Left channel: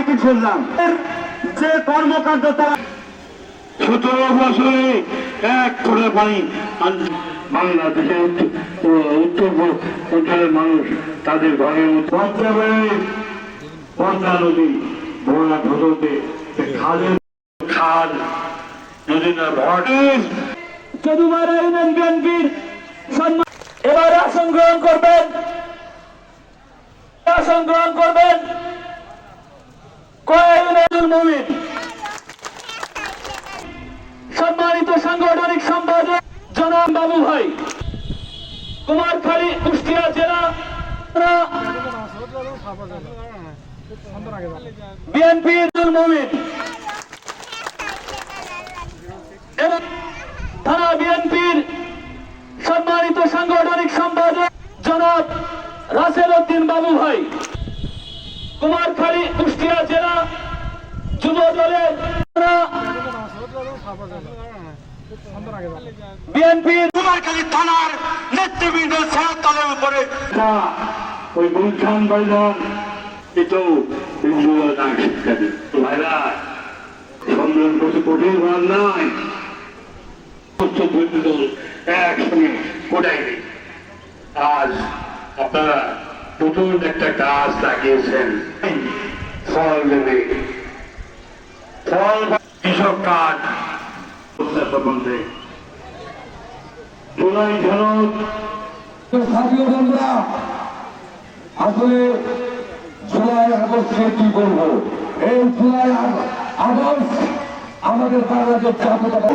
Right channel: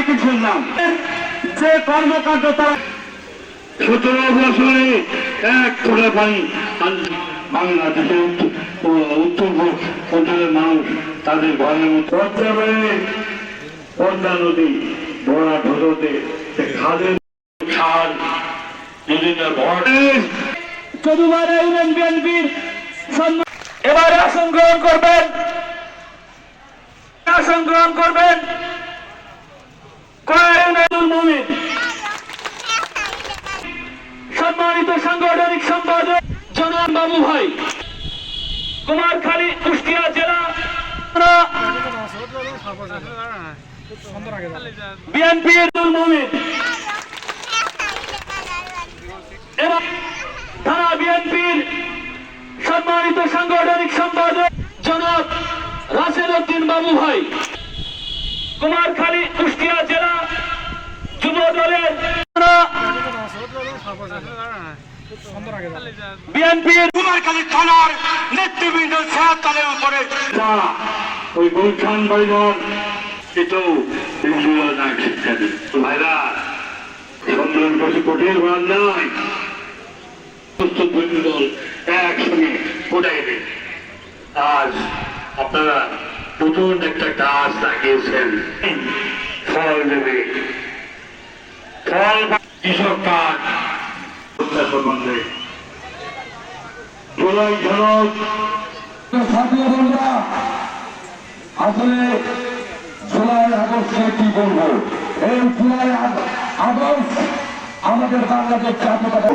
Cycle শুনলাম যে কর্মকাণ্ড তারা 17 বছরে 1 ফোঁটা পানি বাংলাদেশের উত্তর অঞ্চলের মানুষ তাদের ঘরের মধ্যে পদ্মা নদী ধরা ঢোতে খালের খাল নদীটা ভরে চতুর্থ ইউনিয়ন বিএনপির এবারে আসন গ্রহণ করবেন সম্মানিত সাংগঠনিক সম্পাদক জনাব বাবু ভাই কুমারখালী কুষ্টিয়া জেলা বিএনপির মুমিন এবং থানা বিএনপির সম্মানিত সাংগঠনিক সম্পাদক জনাব রাসেল উদ্দিন বাবু ভাই কুমারখালী কুষ্টিয়া জেলা যুব দলের বিএনপির কুমারখালী থানার নেতৃবৃন্দ ছায়াতলের উপরে ওই গুলশান ভাইজান এতো শিক্ষা দিচ্ছে ভাইরা সম্মেলন করছে কোটির ভার নাই একসঙ্গে কোটাই নেই। আজ আপনারা নতুন একটা গাছ লাগিয়েছেন, ফল দেবে, ফল কৃষক কাজ সম্বন্ধে জুলাই ঝলক ছাত্রীয় বন্ধুরা আসলে জুলাই আগস্টে কি বলবো, এই জুলাই আগস্ট আমাদের বাংলাদেশ জাতীয়